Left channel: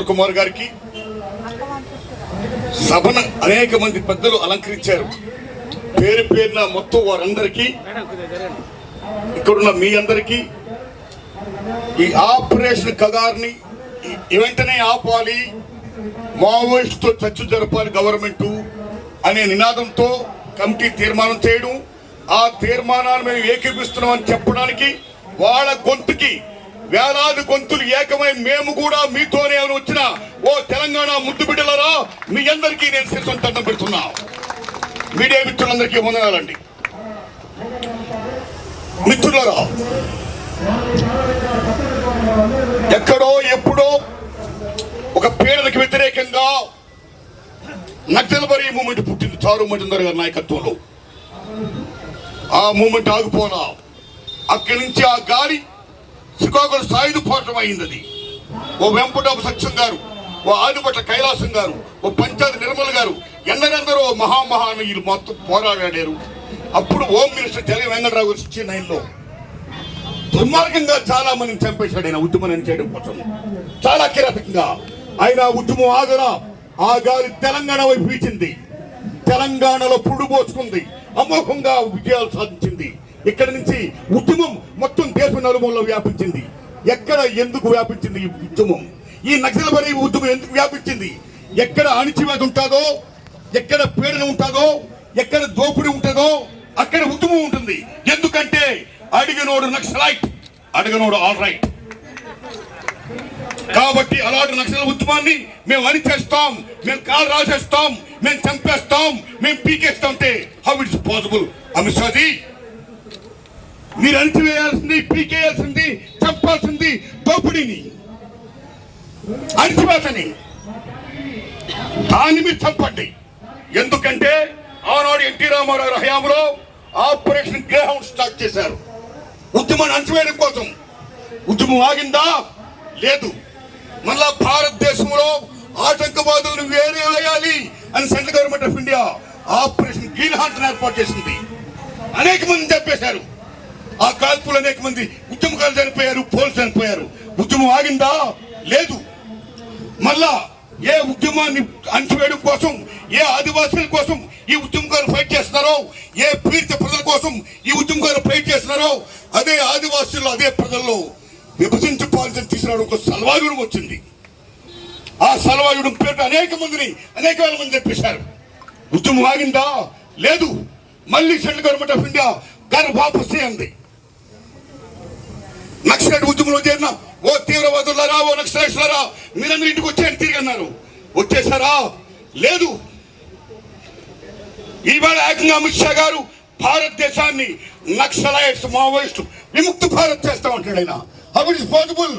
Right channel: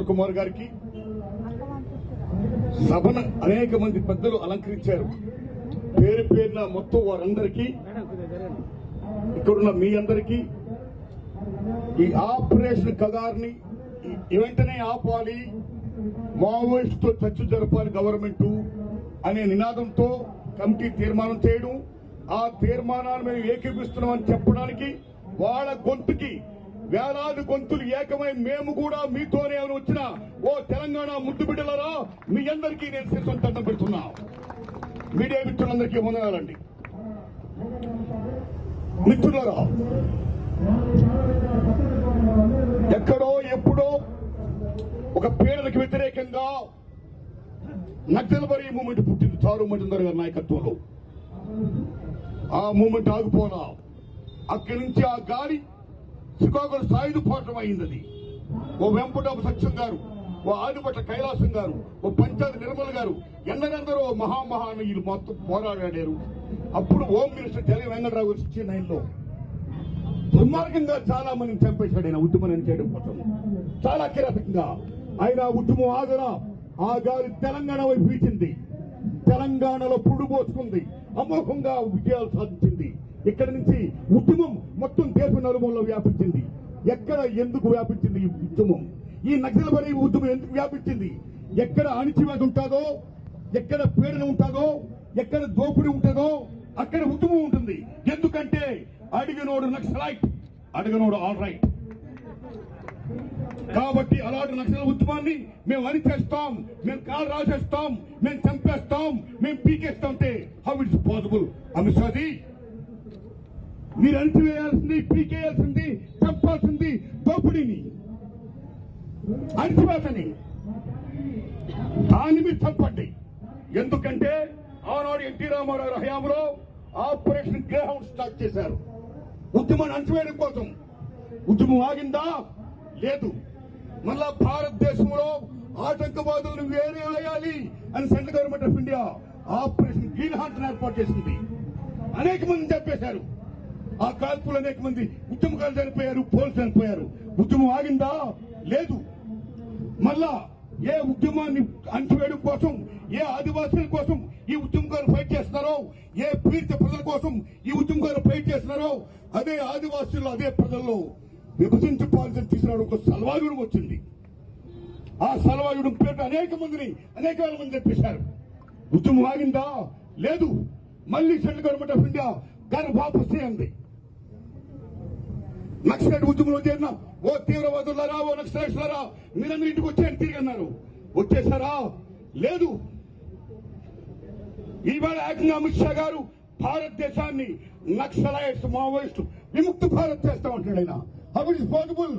వీరేంద్ర కుమార్ గారికి, సభను అనేక మంది పెద్దలు అలంకరించారు. పేరు పేరున మొత్తం వారందరికీ, ఇక్కడున్న మీ అందరికీ ఈ ఆపరేషన్ కగార్ని వెంటనే ఆపాలి, మావోయిస్టుతో చర్చ జరపాలి గవర్నమెంట్ అనే నినాదంతో కమిటీ తీర్మానం చేయడం, ఆ తీర్మానాన్ని మేము ఏకీపిస్తున్నామని చెప్పడానికి వాళ్ళ గొంతుకి వేలాది గొంతులు ఏకమై మేము కూడా మీతోనే వచ్చిన ఓ తెలంగాణ ముద్దు బిడ్డలరా మీ అందరికీ నేను శిరస్సు దండం పెడుతున్నా. మీడియా మిత్రులందరికీ వందనాలండి. మిత్రులరా, ఎక్కడో ఎప్పుడో ఒక పీడనకు వ్యతిరేకంగా నక్సల్బరీ మూమెంట్ పుట్టింది చారు మజుందర్ గారి నాయకత్వంలో. ఆ మూమెంట్ ఆగిపోలా. అక్కడి నుంచి ఆ గాలి శ్రీకాకుళం సాయుధ పోరాటం అయింది. అది ఓ వెంపటాపు సత్యం గారు, ఓ ఆదిపట్ల కైలాసం గారు, ఓ పంచాయతీ నిర్మల్ గారు, ఎందరెందరో మహామహానీయులు మొత్తం పోరాడారు. అప్పుడు హోమ్ మినిస్టర్ తెల వెంకటరావు గారు 69లో దుర్మార్గంగా చాలా మందిని చంపేశాడు ఆయన ఉద్యమం చేయడం కోసం. చాలా కిరాతకంగా ఆయన ఉద్యమం ఆగరా. ఆ గాలి తెలంగాణ వైపు వీచింది, తెలంగాణలో పురుడు పోసుకుంది, అమోఘంగా విజయాలు సాధించింది. ఇక్కడి నుంచి ఉద్యమం మొత్తం దేశ నలుమూలలో వ్యాపించింది. ఎక్కడ ఎందుకు వ్యాపించింది ఈ ఉద్యమం? ఈ నక్సల్బరీ ఉద్యమం ఎందుకు వ్యాపించింది? ఎక్కడ అణిచివేత ఉంటుందో, ఎక్కడ పీడన ఉంటుందో, ఎక్కడ దోపిడీ ఉంటుందో అక్కడ ఉద్యమం ఉంటుంది. ఎందుకంటే అడిగినోడు నక్సలైట్, అడిగినోడు ఆల్ రైట్. కాబట్టి అలాంటి నక్సల్ ఉద్యమాన్ని మేము అణిచేస్తాం, మేము కాలు రాసేస్తాం, మేము చంపేస్తాం, మేము పీకేస్తాం అంటే how it's possible? Amit Shaji, మీరు అణిచివేయాల్సింది, పీకేయాల్సింది, చంపాల్సింది దోపిడీని, అణిచివేతని. దాన్ని మీరు చంపండి. ఎందుకంటే ఆనాడు ఎన్టీ రామారావు హయాంలో ఆపరేషన్ గ్రేహౌండ్ స్టార్ట్ చేశారు ఉద్యమాన్ని అణచివేయడం కోసం. ఉద్యమం ఆగిందా? లేదు. మళ్ళా భారతదేశంలో ఆటంకవాదులను వేరే వేయాలి అని central government of India operation green heart ఏర్పాటు చేసింది. అనేక మంది చంపేశారు. ఆ కాల్పులు అనేక మంది ఉద్యమకాలు చనిపోయారు, పోలీసు చనిపోయారు. ఉద్యమం ఆగిందా? లేదు. మళ్ళా ఏ ఉద్యమాన్ని అణచివేయడం కోసం, ఏ ఆదివాసుల కోసం ఈ ఉద్యమకాలు ఫైట్ చేస్తున్నారో, ఏ పీడిత ప్రజల కోసం ఈ ఉద్యమకాలు ఫైట్ చేస్తున్నారో, అదే ఆదివాసులు అదే ప్రజల్లో విభజించుకోవాల్సిన తీసుకురావడం ఒక సల్వాయుడం వచ్చింది. ఆ సల్వాయుడం పేరు అనేక వేల మంది చెప్పేశారు. ఉద్యమం ఆగిందా? లేదు. మళ్ళీ సెంట్రల్ గవర్నమెంట్ ఆఫ్ ఇండియా గారు వాపస్ చేయండి. నక్సలైట్ ఉద్యమంలో చేరిన ఓ తీవ్రవాదులారా, ఓ నక్సలైట్లరా, మీరందరూ ఇంటికి వచ్చేయండి తిరిగి అన్నారు. వచ్చేసారా? లేదు. ఈవేళ ఏకంగా అమిత్ షా గారు భారతదేశాన్ని నక్సలైట్స్, మావోయిస్టు విముక్త భారత్ చేస్తామంటాడు ఆయన. How it is possible?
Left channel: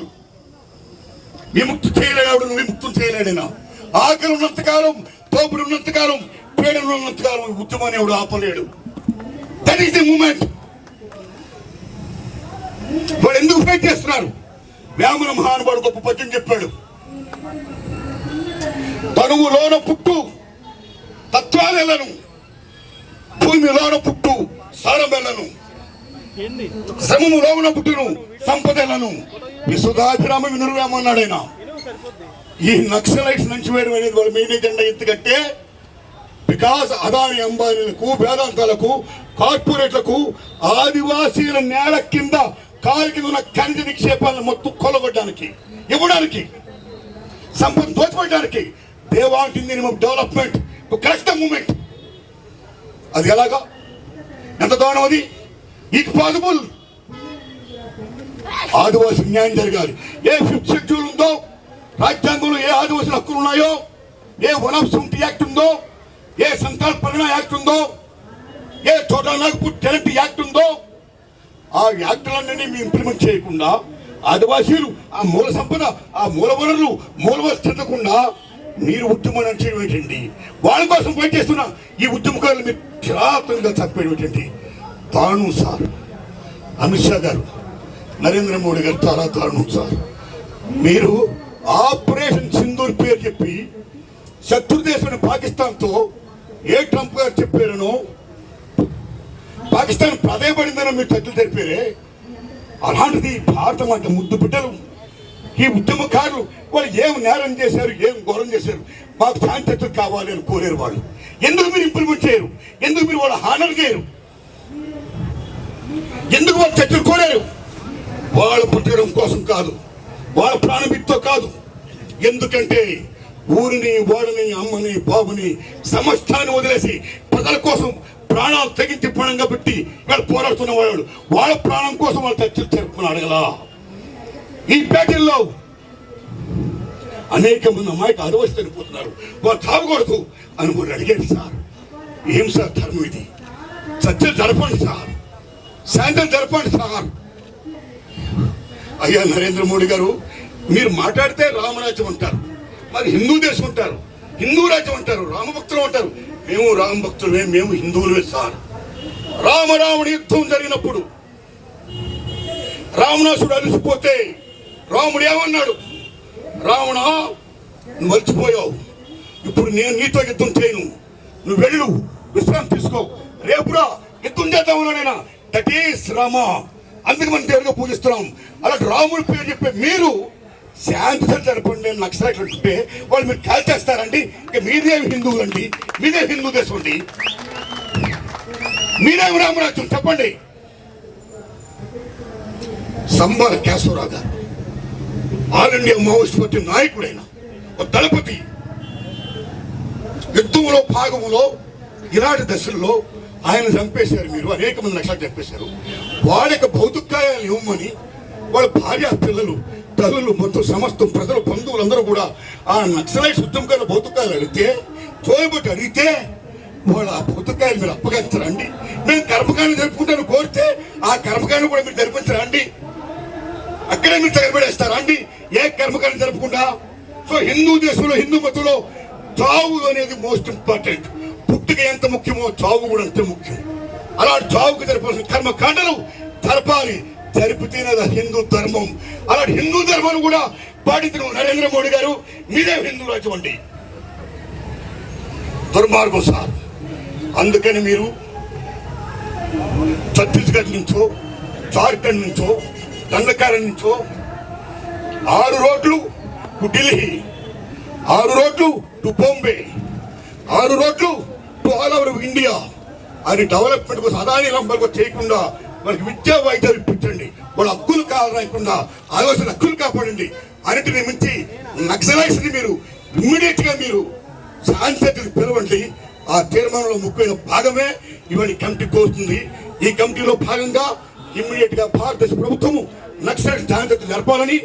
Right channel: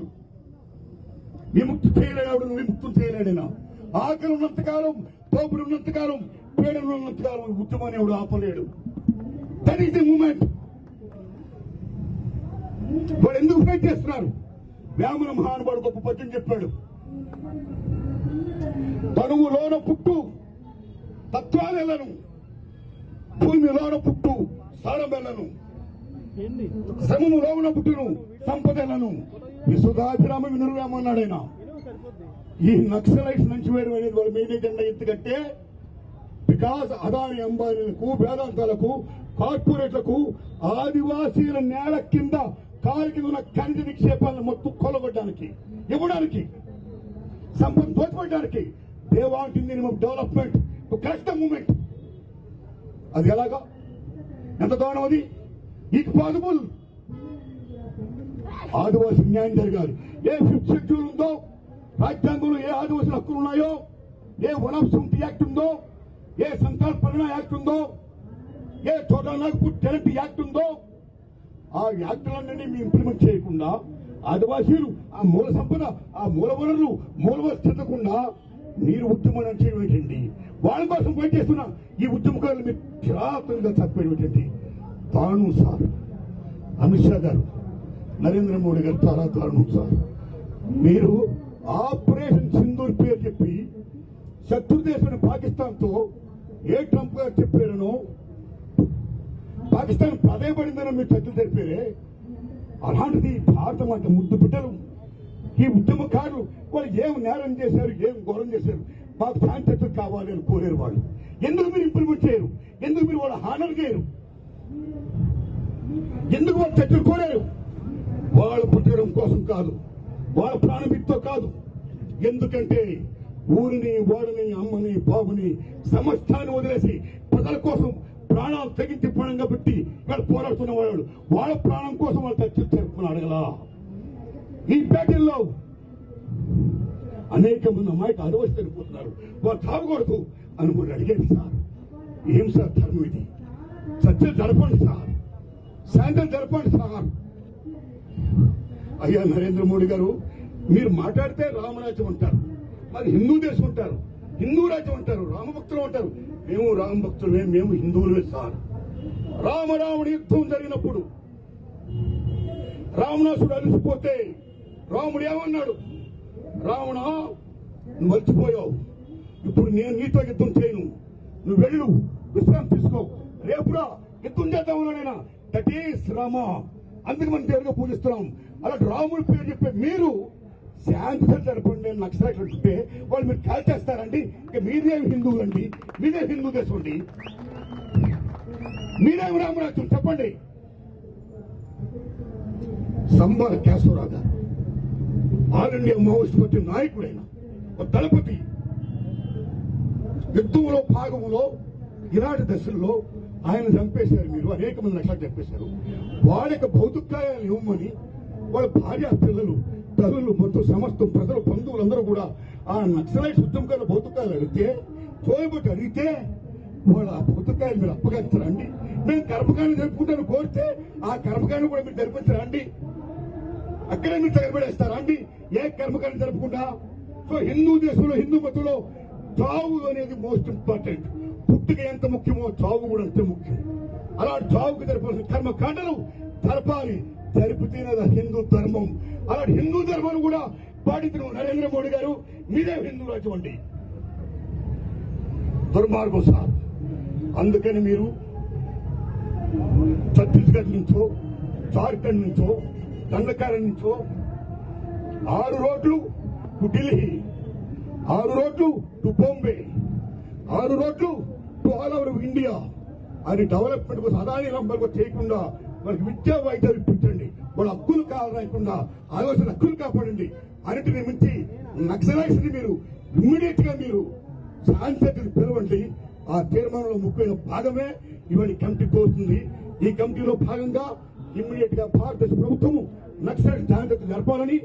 విముక్తి చేయలేడు, విముక్తం చేయలేడైనా. ఆకలి ఉన్నంతకాలం, తోపుడు ఉన్నంతకాలం, పీడన ఉన్నంతకాలం ఉద్యమాన్ని ఎవడు ఆపలేడు. That is the movement. వాళ్ళు ఎందుకు ఫైట్ చేస్తున్నారు? వేమన మహానుభావుడు గొప్ప పద్యం చెప్పాడు. తనువులోన పుట్టు తత్వాలెలను, భూమిలోన పుట్టు సారమెలను, శ్రమములోన పుట్టును సంపదలను, విశుధాభిరామ వినురవేమన్నాడు ఆయన. ఈ నక్సలైట్స్ నుంచి వేయడం అనేది వాళ్ళ మెయిన్ ఎజెండా. ఎందుకంటే బికాస్ అదాని అంబానీలకు, వేదాంతాలకు, కార్పొరేట్లకు ఆదివాసీల నేల కింద కాలు కింద ఉన్న ఖనిజ నిక్షేపాలను మొత్తం కొలగొట్టడానికి, ఇవ్వడానికి, సంపద దోచిపెట్టడానికి. They want minimum development to crush the movement. అది ఎలాగా? ఎంత దారుణం అది? It possible. ఆదివాసీ న్యాయం జరగాలి. ఏ 5th షెడ్యూల్ ఉందో, రాజ్యాంగంలో ఏ ఆదివాసీ హక్కులు ఉన్నాయో, ఏ వన్ ఆఫ్ 70 యాక్ట్ ఉందో, ఏ సంతాన పరిణ యాక్ట్ ఉందో, a total Nagpur tenant act ఉందో, ఆ యాక్టులన్నీ మేము ఇంప్లిమెంట్ చేయకుండా ఆదివాసీలు ఆ మూల సంపద, ఆ మూల వనరులు, మూల వనరులు చెందకుండా మీరు ఉద్యమం చేయడం ఏంటండి? వాళ్ళ కోసం ఫైట్ చేస్తున్న ఈ ఉద్యమకారులు మీరు కిరాతంగా చంపేయడం ఏంటండి? దారుణం సార్. అమిత్ షా గారు, నరేంద్ర మోడీ గారు చాలా దారుణం సార్. మీరు ఆపరేషన్ సింధూర్ పేరు చెప్పి శత్రుదేశం పాకిస్తాన్తో ఏ ట్రంప్ గారు చెప్పారనో, పాకిస్తాన్ ప్రాధాయపడిందనో మీరు చర్చలు జరిపారే. అలాంటిది భారతం అంటే ముద్దు బిడ్డలు ఈ ఉద్యమకారులు వాళ్ళు ఏం నేరం చేశారు, ఏం ఘోరం చేశారు, మాకు శాంతి కావాలి అని కోరారు. వాళ్ళు ఎందుకు మీరు ఇంప్లిమెంట్ చేయరు? ఎందుకు మీరు వాళ్ళ హానర్ చేయరు? ఎందుకు వాళ్ళు చర్చలు కోరారు? వాళ్ళు పుట్టడం కోసం కాదు, వాళ్ళ ప్రాణమితో కాదు. ఎందుకంటే ఊరిని, వాడిని, అమ్మని, బాబుని, సమస్తాన్ని వదిలేసి ప్రజల కోసం ప్రాణాలు తెగించి పణంగా పెట్టి వాళ్ళు పోరాడుతున్న వాళ్ళు వాళ్ళ ప్రాణం కోసం వాళ్ళు చర్చలు జరుపుకుని అడగలా. ఈ పేటల్లో అనేక మంది అమ్మాయికి అరవసి చనిపోతున్నారు, వాళ్ళు తాగకూడదు అని మీరు అడిగారు సార్. ఏం సార్ ధర్మం ఇది? చర్చలు జరపండి సార్, శాంతం జరపండి సార్. అయ్యా నరేంద్ర మోడీ గారు, మీరు మాట్లాడితే రామరాజ్యం అంటారు, మరి హిందూ దేశం అంటారు, హిందూ రాజ్యం అంటారు, రామభక్తులు అంటారు. మేము రామభక్తులమే, మేము హిందువులమే సార్. రామరాముడి యుద్ధం జరిగినప్పుడు రావణాసుడు అలిసిపోతే రాముడు ఏమన్నాడు? రావణ, నువ్వు మర్చిపోయావు, ఇప్పుడు నేను నీతో యుద్ధం చేయను, నువ్వు వెళ్ళు, విశ్రాంతి తీసుకో, రేపురా యుద్ధం చేద్దామన్నా. That is Rama. అందుకు మనం దేవుడిగా పూజిస్తున్నాం. అలాంటి రాముడి పేరు చెప్పే మీరు శాంతి జరపండి నక్సలైట్లు అంటుంటే వాళ్ళు మీరు కాల్ చేస్తారండి. ఇక మీదేమి హిందువులు అండి, మీదే హిందూ దేశం అండి, మీరేమి రామరాజ్యం చెప్పండి. సంబాల కేశవరావు గారు ఆల్ ఇండియా మావోయిస్ట్ పార్టీ నాయకుడైన ఒక దళపతి యుద్ధంలో భాగంలో ఇలాంటి దశల్లో ఆయన చంపేశారు. మీరు అనేక మంది నక్సలైట్లు చంపేశారు. వాళ్ళ యొక్క భౌతికాయాలు ఇవ్వమని వాళ్ళ భార్య, పిల్లలు, తల్లులు, మొత్తం సమస్తం ప్రజలు, బంధువులు అందరూ కూడా ఆ నక్సలైట్స్ ఉద్యమకారుల భౌతికాయాలు అడిగితే, చోయబట్టి అడిగితే వాళ్ళ ఆ భౌతికాయాలు మీరు అప్పగించరా అండి? మేము కర్మకాండ జరుపుకుంటాను కోరితే ఆ కర్మకాండ కూడా మీరు జరిపించరా అండి? అక్కడే మీరు తగలబడేస్తారా అండి ఏ కర్మకాండ జరపకుండా? సో హిందూ దేశంలో, హిందూ మతంలో చావు అనేది మోస్ట్ ఇంపార్టెంట్. పుట్టుక ఎంత ముఖ్యమో చావు కూడా అంతే ముఖ్యం. అలాంటి చావుకు జరపాల్సిన కర్మకాండలు జరపాలి, జరిపితేనే హిందూ ధర్మం. అలాంటి హిందూ ధర్మాన్ని కూడా పాటించిన నరేంద్ర మోడీ గారు మీదే హిందూ రాజ్యం అండి. దుర్మార్గం సార్. అందుకని మీరు ఛత్తీస్గఢ్ నుంచో, జార్ఖండ్ నుంచో, దండకారం నుంచో 6 రోడ్లు టు ఢిల్లీ, 6 రోడ్లు టు బాంబే, 6 రోడ్లు టు ఆల్ ఓవర్ ఇండియా అని డెవలప్మెంట్ కోసం అదాని రంభాలకు చేయకుండా వాళ్ళకి విద్యా వైద్యాలు ఇప్పించండి, వాళ్ళ హక్కులు కావాలకుండా ఆలోచన హక్కులు కాపాడండి. అన్నిటిని మించి నక్సలైట్స్ ని మీరు ఇమ్మీడియట్ గా మీరు శాంతిని పిలవండి. ఆ తీర్మానంలో ముఖ్యమైన భాగమే ఇవాళ కమిటీకి వస్తుంది. ఈ కమిటీలో భాగంగా ఇమ్మీడియట్ గా భారతదేశ ప్రభుత్వము నక్సలైట్ శాంతి జరపాలని,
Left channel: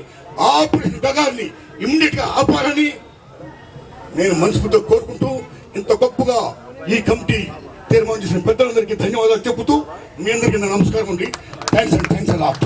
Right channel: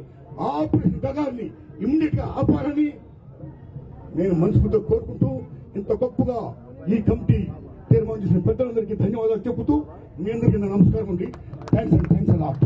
ఆపరేషన్ గగార్ని ఇమ్మీడియట్ గా ఆపాలని నేను మనస్ఫూర్తిగా కోరుకుంటూ, ఇంత గొప్పగా ఈ కమిటీ తీర్మానం చేసిన పెద్దలందరికీ ధన్యవాదాలు చెబుతూ మీ అందరికీ నా నమస్కారం అండి. Thanks and thanks a lot.